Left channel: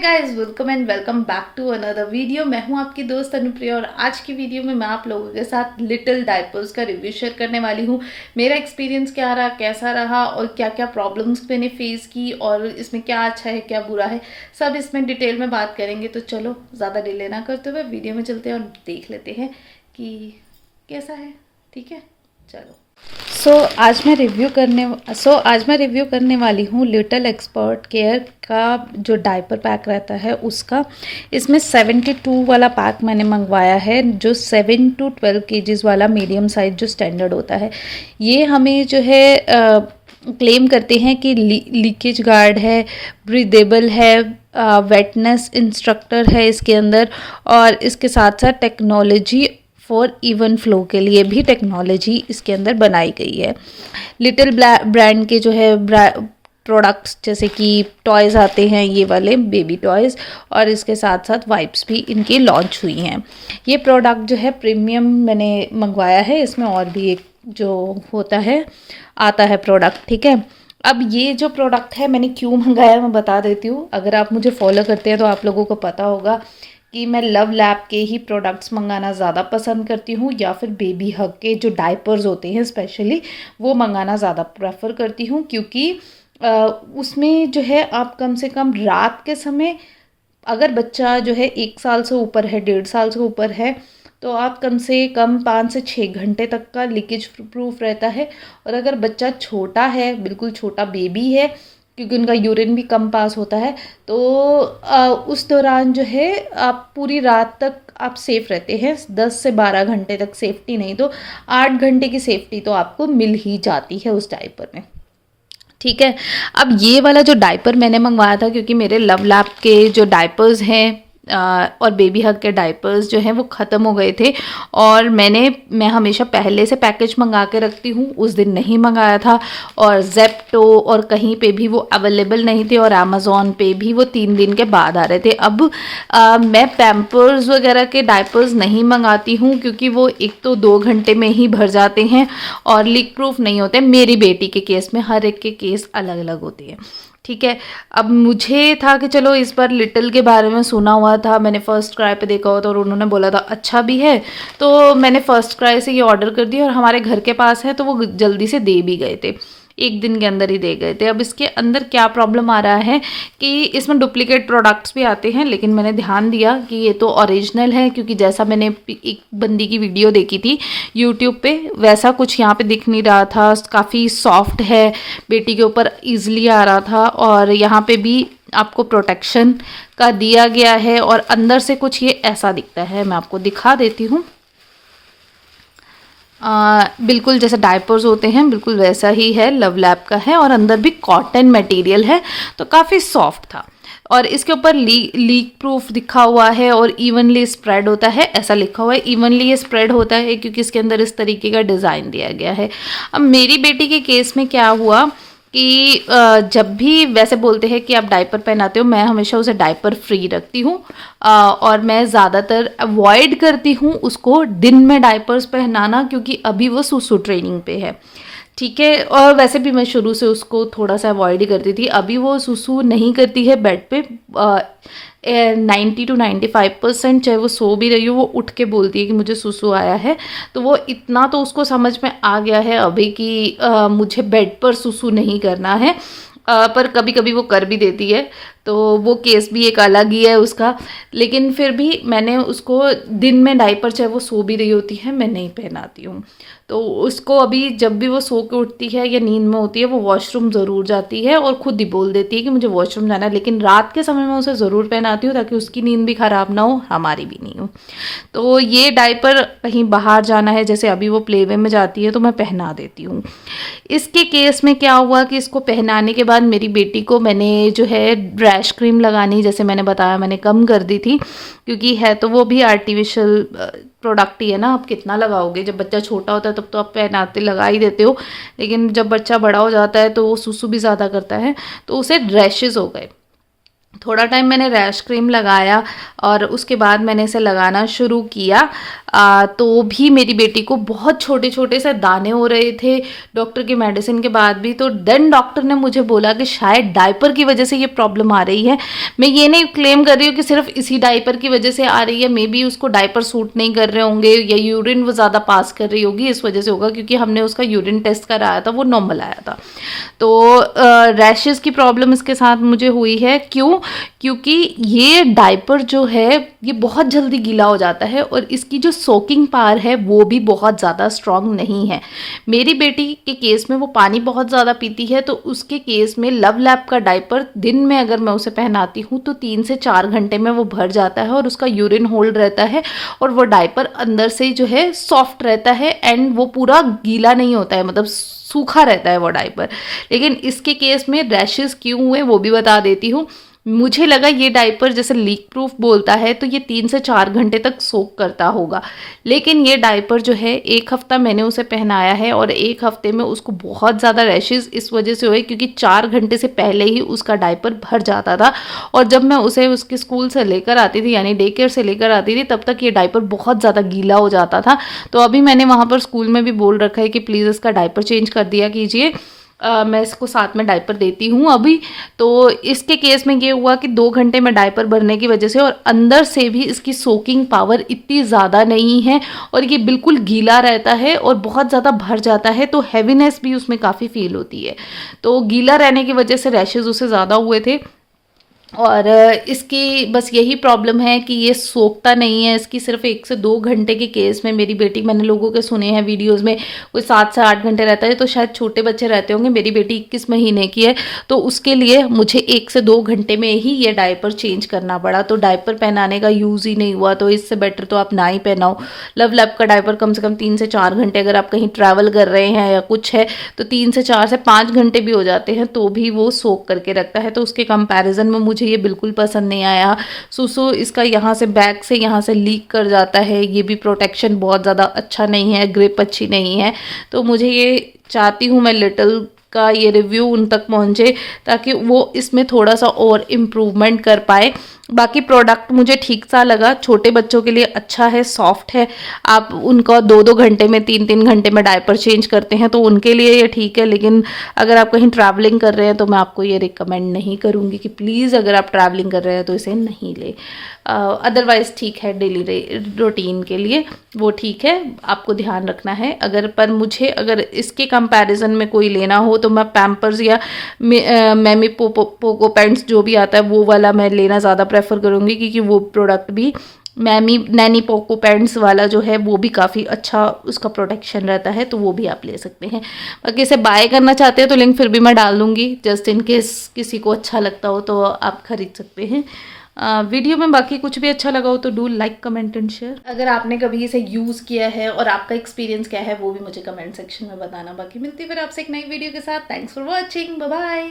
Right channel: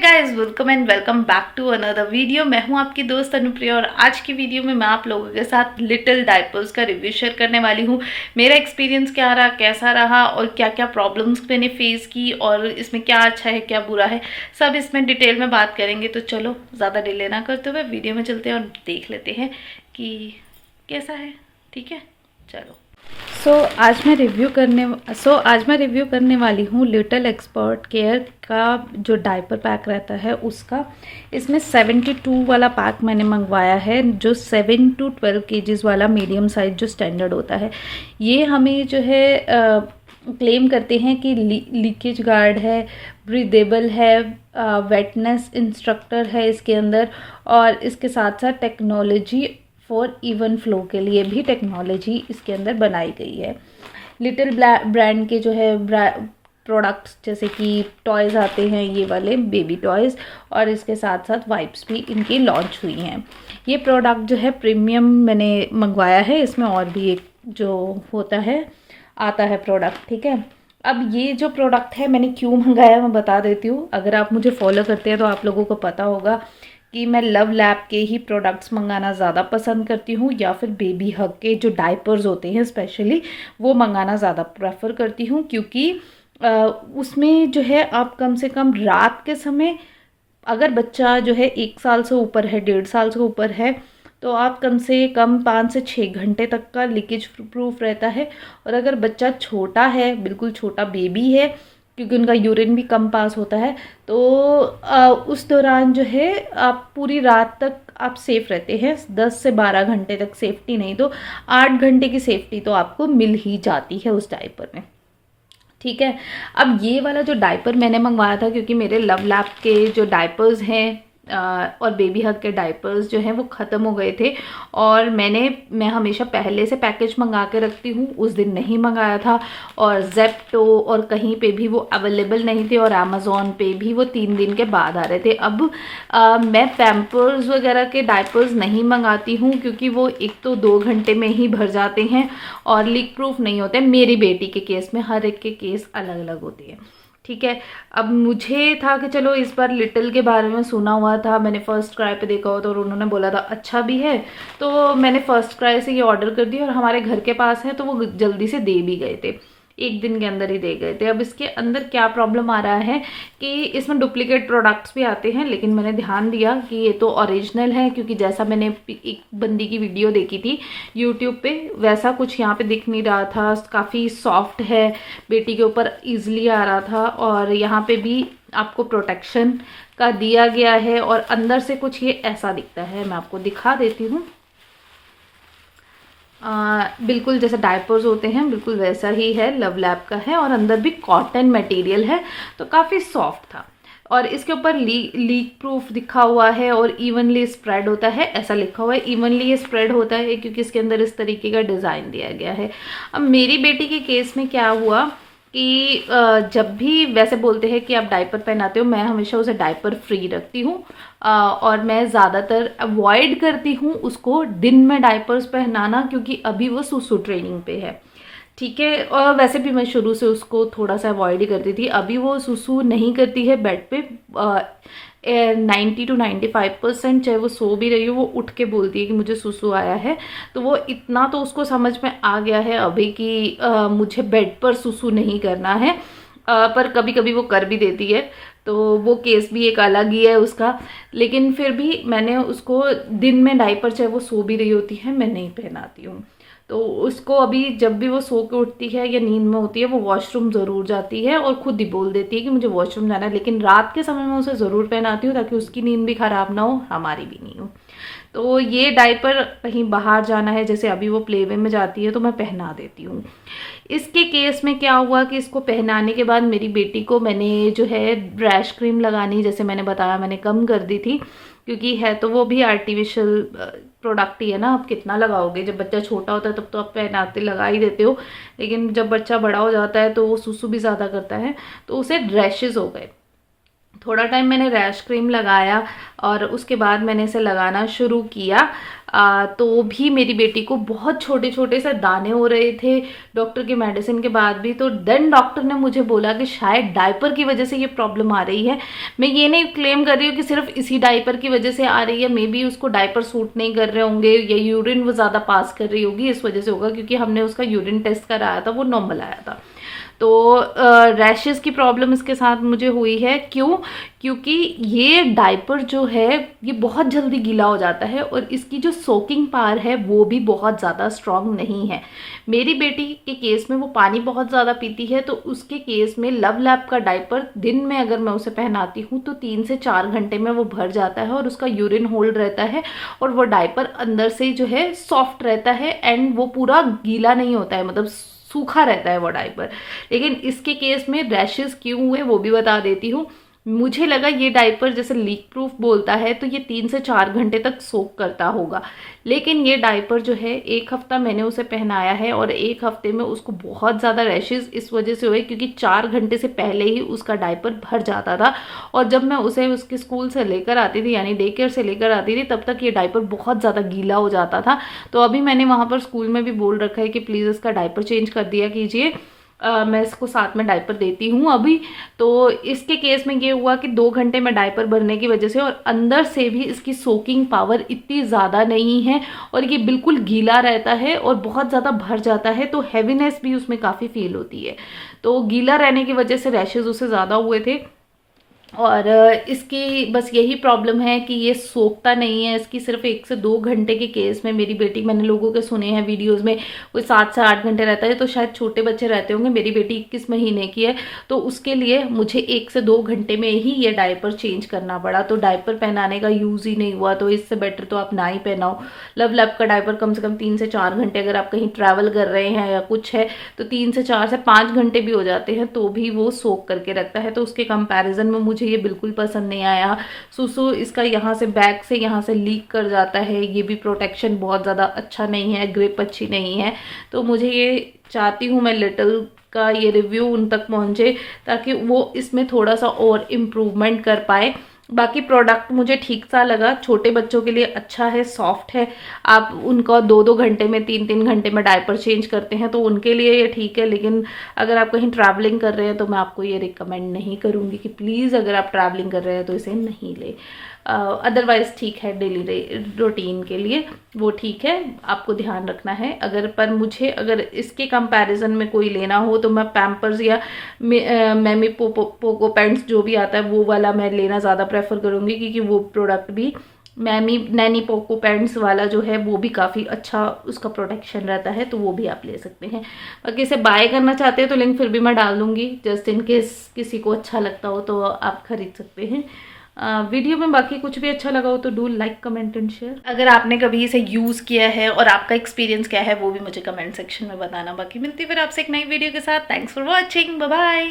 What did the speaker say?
Guys, welcome and welcome back to another video. मैं हूं आपकी दोस्त अनुप्रिया और आज की वीडियो में मैं आप लोगों के साथ लिटिल डायपर्स का रिव्यू शेयर करने वाली हूं। मेरा एक्सपीरियंस क्या रहा, कैसा रहा और क्या क्या प्रॉब्लम्स मैंने फेस की और इसमें क्या अच्छा है क्या बुरा है, सब इसमें डिटेल में बात करेंगे। तो चलो ज़्यादा डिले ना करते हुए वीडियो में चलते हैं और देख लेते हैं कि कैसा है। ठीक है, चलो। आज मैं रिव्यू करने वाली हूँ लिटिल एक्सपर्ट केयर का जो डायपर पैक रहता है उसका। इसमें 72 वाला पैक मैंने मंगवाया है, जो 7 to 12 kgs वाला मीडियम साइज जो स्टैंडर्ड होता है। ये हमें जो है क्लेम करते हैं कि लीकेज गार्ड है, ब्रीदेबल है, वेटनेस इंस्ट्रक्टर है इसके अंदर, और इसके साथ साथ टेक्नोलॉजी फॉर इवन फ्लो के लिए भी टेक्नोलॉजी इसके अंदर बनाई गई है। लिटिल ब्रांड के जो है प्रोडक्ट्स जैसे कि टॉयज़ आते हैं, ये वाले बेबी टॉयज़, और इसके साथ साथ वाइप्स भी इनकी लॉन्च हुई हैं। ये प्रोडक्ट जो है प्रीमियम मैंने मंगवाया है, इसमें और भी एक जो होता है आता है प्रोडक्ट। ठीक है, अब ये जो प्रोडक्ट है मैंने क्यों मंगाया मैं बता देती हूँ। अगर आप मुझे फॉलो करते हैं तो आप लोगों को पता होगा कि मैं लव लैब के ही प्रोडक्ट्स मंगाना ज़्यादा पसंद करती हूँ, या फिर बेबी हग के जो डायपर्स होते हैं स्पेशली वो मंगाना ज़्यादा प्रेफर करती हूँ, क्योंकि उसमें जो है आप कम से कम रात के समय, अगर बच्चा जो है 1 साल से ऊपर है, 1.5 साल से ऊपर है, तो आप कम से कम 5 से 6 घंटे तक का लीकेज प्रूफ रहता है। और अगर बच्चा छोटा है, बिल्कुल छोटा बेबी है, क्योंकि उनका यूरिन भी कम पास होता है, तो उस दौरान जो है आप पूरी रात तक आप सेफ़ रहते हैं। 10 से 12 घंटे तक सेफ्टी नहीं तो 8 घंटे की सेफ्टी तो आपको मिल ही जाती है उस डायपर में। ठीक है, अब ये वाला जो डायपर मैंने मंगवाया था, क्योंकि मेरे लव लैब के जो डायपर्स हैं और बेबी हग के डायपर्स जो हैं वो ख़त्म हो गए थे, और मैं हमेशा पहले से पैकेज मंगा के रखती हूँ, उस दिन नहीं मंगाया था, और जेप्टो और कहीं पे भी वो अवेलेबल नहीं थे, और अमेज़ॉन पे भी वो 3 दिन के बाद आ रहे थे। अब मैं पैम्पर्स वगैरह के डायपर्स नहीं मंगाती हूँ, क्योंकि वो एक तो 2 घंटे में ही भर जाते हैं और लीक प्रूफ नहीं होते। मेरी बेटी के केस में हर एक के केस अलग अलग होते हैं। ठीक है, अब मुझे था कि चलो इस बार लिटिल के बारे में सुना हुआ था, मैंने फर्स्ट क्राई पे देखा हुआ था और उन्होंने बोला था अच्छा भी है, तो मैंने फर्स्ट क्राई से ये ऑर्डर कर दिया, और हमारे घर के पास है तो वो जल्दी से दे भी गए थे, 1 दिन के अंदर ही दे गए थे। अब इसके अंदर क्या प्रॉब्लम आ रहा है कि इसमें डुप्लीकेट प्रोडक्ट्स भी आते हैं, लेकिन मैंने ध्यान दिया कि ये तो ओरिजिनल है, क्योंकि जैसा मैंने एक बंदी की वीडियो देखी थी यूट्यूब पे, वैसा कुछ यहाँ पे दिख नहीं रहा था। काफ़ी सॉफ्ट है, बेटी के ऊपर ईजिली आ रहा था, और यहाँ पे भी आपको प्रोटेक्शन का दिया गया है, और अंदर से कुछ ये ऐसा दिखता है, मैं आपको दिखा देती हूँ। बिल्कुल जैसे डायपर्स होते हैं बिल्कुल वैसा ही है, लव लैब का है, और अंदर भी कॉटन मटेरियल है, तो काफ़ी सॉफ्ट था। और इसके ऊपर लीक प्रूफ लिखा हुआ है और इवनली स्प्रेड होता है, ऐसा लिखा हुआ है। इवनली ये स्प्रेड होता है क्योंकि इसके अंदर इस तरीके का डिज़ाइन दिया गया है। अब मेरी बेटी के केस में क्या हुआ कि जब भी वैसे बोलते हैं कि आप डायपर पहनाते हो, मैं हमेशा उसे डायपर फ्री रखती हूँ, और मैं ज़्यादातर अवॉइड करती हूँ उसको दिन में डायपर्स पहनाना, क्योंकि अभी वो सुसु ट्रेनिंग पे है। ठीक है, और वैसे भी मैं शुरू से उसको थोड़ा सा अवॉइड ही करती थी। अभी वो सुसु नहीं करती है बेड पे, 90 to 95%, चाहे वो सो भी रही हो, वो उठ के बोलती है कि मुझे सुसु आया है। तो वो इतना तो उसको समझ में आ गया है अभी कि मुझे बेड पर सुसु नहीं करना है, पर कभी कभी वो कर भी देती है, तो वो केस भी एक अलग ही है उसका। लेकिन फिर भी मैंने उसको दिन में डायपर, चाहे वो सो भी रही होती है, मैं नहीं पहनाती हूँ। तो उसको अभी जब भी वो सो के उठती है या नींद में होती है, वो वॉशरूम ज़रूर जाती है और ख़ुद ही बोल देती है कि मुझे वॉशरूम जाना है, लेकिन रात के समय में उसे ज़रूर पहनाती हूँ ताकि उसकी नींद भी ख़राब ना हो, हमारी भी नहीं हो। तो ये डायपर कहीं बाहर जाना है, जैसे अभी वो प्लेवे में जाती है, तो मैं पहना देती हूँ। इसके केस में क्या हुआ कि इसको पहनाने के बाद मेरी बेटी को मैंने जो है रैश क्रीम लगानी, जैसे मैंने बताया, मैंने कम कर दी थी, क्योंकि है तो वो भी आर्टिफिशियल प्रोडक्ट ही है ना, आप कितना लगाओगे। जब बच्चा छोटा होता है तब तो आप पहनाते लगा ही देते हो, लेकिन जब बच्चा बड़ा हो जाता है तो वो सुसु भी ज़्यादा करता है, तो उसे रैशेज़ हो गए। थोड़ा टाइम मैंने रैश क्रीम लगाया और उसके बाद मैंने इसे लगाना शुरू किया। तो भी मेरी बेटी को बहुत छोटे छोटे से दाने हो रहे थे डॉक्टर की मेडिसिन के बाद भी। तो देन डॉक्टर ने मुझे बोला कि शायद डायपर की वजह से ये प्रॉब्लम आ रही है। मैं ये नहीं क्लेम कर रही हूँ कि सिर्फ इसी डायपर की वजह से आ रही है, मे बी उसको डायपर सूट नहीं कर रहे होंगे या यूरिन वो ज़्यादा पास कर रही होगी, इस वजह से होगा, क्योंकि हमने उसका यूरिन टेस्ट कराया था, वो नॉर्मल आया था। तो रैशेज़ की प्रॉब्लम इसके साथ मुझे हुई है। क्यों? क्योंकि ये डायपर जो है ये बहुत जल्दी गीला हो जाता है और इसकी जो सोकिंग पावर है वो भी बहुत ज़्यादा स्ट्रॉन्ग नहीं है। मेरी बेटी के केस में वो पानी बहुत ज़्यादा पीती है, तो उसके केस में लव लैप का डायपर दिन में अगर मैं उसे पहनाती हूँ तो 3 से 4 घंटे में वो भर जाता है और उसका यूरिन होल्ड रहता है और वो डायपर अंदर से जो है सॉफ्ट रहता है एंड वो पूरा गीला नहीं होता है, मतलब सूखा रहता है वो डायपर। लेकिन इसके केस में रैशेज़ क्यों हुए वो भी बता देती हूँ। मुझे लगा ये डायपर जैसे लीक प्रूफ बोलता है तो ये 3 से 4 घंटे तक सोक करता होगा, लेकिन ये डायपर जो है 1 हफ्ता मैंने उसे पहनाया है और 1 हफ्ते में उसको बहुत ज़्यादा रैशेज़ इस वजह से हुए क्योंकि 4 घंटे से पहले ही उसका डायपर भर जाता था। और जब मैं उसे उसके स्कूल से लेकर आती थी, यानी डे केयर से लेकर आती थी, तब तक ये डायपर बहुत ज़्यादा गीला हो जाता था। तो अभी मैंने वहाँ पर स्कूल में भी बोल रखा है कि प्लीज़ इसका डायपर चेंज कर दिया कीजिए। मैं इसको साथ में डायपर देती हूँ अभी। तो इसके केस में ये हुआ कि 2 घंटे में डायपर भरने की वजह से और अंदर से भी इसकी सोकिंग पावर इतनी ज़्यादा नहीं है और ये बिल्कुल गीला रहता है और बहुत ज़्यादा भर जाता है, तो हैवीनेस भी उसमें काफ़ी फील होती है। तो गीला रहने की वजह से रैशेज़ उसे ज़्यादा हुए थे और इसकी बस यही प्रॉब्लम है कि ये सोखता नहीं है। इसकी सिर्फ 1 से 2 घंटे के केस में मेरी बेटी, मैंने लोगों के सुने हैं वीडियोस में कोई 7 से 8 घंटे रहता है, तो शायद छोटे बच्चे रहते होंगे। मेरी बेटी 21 महीने की है, तो उसके लिए मुझे 1 से 2 घंटे में ही ये डायपर चेंज करना पड़ा। तो डायपर पहनाने का यूज़ ही नहीं हुआ, तो इससे बेटर तो आप ना ही पहनाओ। लव लैप का डायपर कम से कम 3 से 4 घंटे, अगर आप कहीं ट्रैवल कर रहे हैं या कुछ है तो 3 से 4 से 5 घंटे भी हो जाते हैं, तो भी वो सोख करके रखता है। तो उसके कंपैरिजन में मुझे ये बिल्कुल पसंद नहीं आया। सुसु इसका यहाँ से बैक से यहाँ से लीक कर जाता है, ये भी प्रोटेक्शन बहुत ज़्यादा अच्छा नहीं है, ग्रिप अच्छी नहीं है। तो मुझे ये चाहती हूँ मैं लिटिल का ये रिव्यू उन तक पहुँचे ताकि वो इसमें थोड़ा सा और इम्प्रूवमेंट कर पाए। बाकी प्रोडक्ट मुझे ठीक सा लगा, छोटे बच्चों के लिए अच्छा है, सॉफ्ट है। आप उनका 2-2 घंटे में 3-3 घंटे में डायपर चेंज करते हैं तो उनके लिए ये ठीक है। लेकिन अगर आप कहीं ट्रैवलिंग कर रहे हैं तो मैं आपको ये रिकमेंड नहीं करूँगी कि प्लीज़ अगर आप ट्रैवलिंग कर रहे हैं तो इसे नहीं ले। अदरवाइज़ ठीक है, डेली रूटीन के लिए वो ठीक है, आपको ध्यान रखना है। पर मुझे अगर इसके कंपैरिजन में कोई लेना हो तो मैं पैम्पर्स या मैमी पोको पैंट्स जो भी आता है वो वाला मैं लेना ज़्यादा प्रेफर करूँगी, क्योंकि वो प्रोडक्ट भी मैमी नैनी पोको पैंट्स वाला जो है वो भी काफ़ी अच्छा उसका प्रोटेक्शन रहता है, तो वो भी आप ले सकते हैं। बाकी इसे बाय करना चाहते हैं तो लिंक फिर भी मैं डाल दूँगी, जस्ट इन केस किसी को अच्छा लगता हो तो आप खरीद सकते हैं। वीडियो में बाकी कुछ भी अच्छा लगा हो तो do like, comment and share. अगर आपने कभी इसे यूज़ किया है और आपका एक्सपीरियंस क्या है वो भी मुझे कमेंट सेक्शन में बताना। बाकी मिलती है फिर आपसे एक नई वीडियो के साथ। Thanks for watching, bye bye.